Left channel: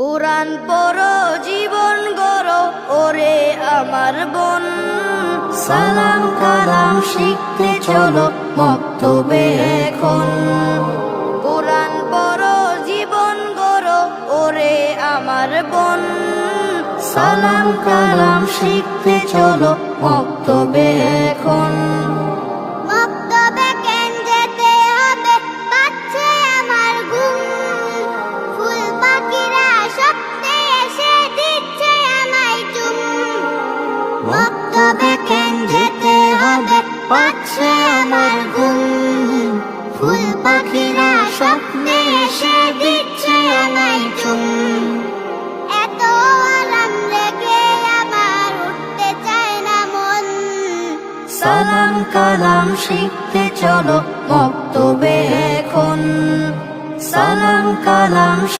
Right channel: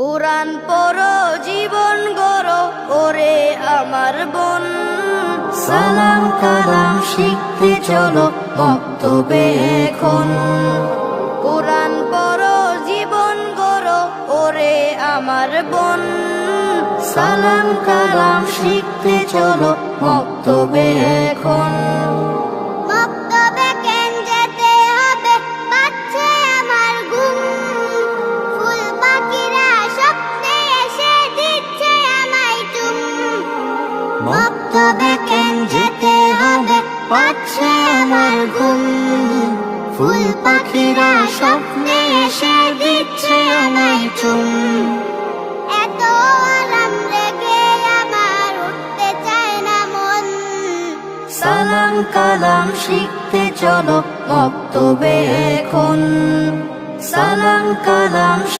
কোরআন পড়ো জীবন গড়ো ওরে আমার বোন, সালাম কালাম শিখতে চলো মক্তবে এখন। কোরআন পড়ো জীবন গড়ো ওরে আমার বোন, সালাম কালাম শিখতে চলো মক্তবে এখন। মক্তবে কেন যেতে হবে পাচ্ছে আমার ঘুম, ফুল পাখিরা স্বপ্নে এসে দিচ্ছে আমায় চুম। মক্তবে কেন যেতে হবে পাচ্ছে আমার ঘুম, ফুল পাখিরা স্বপ্নে এসে দিচ্ছে আমায় চুম। এত আরাম রেখে আমার উঠতে চায় না মন, সালাম কালাম শিখতে চলো মক্তবে এখন। সালাম কালাম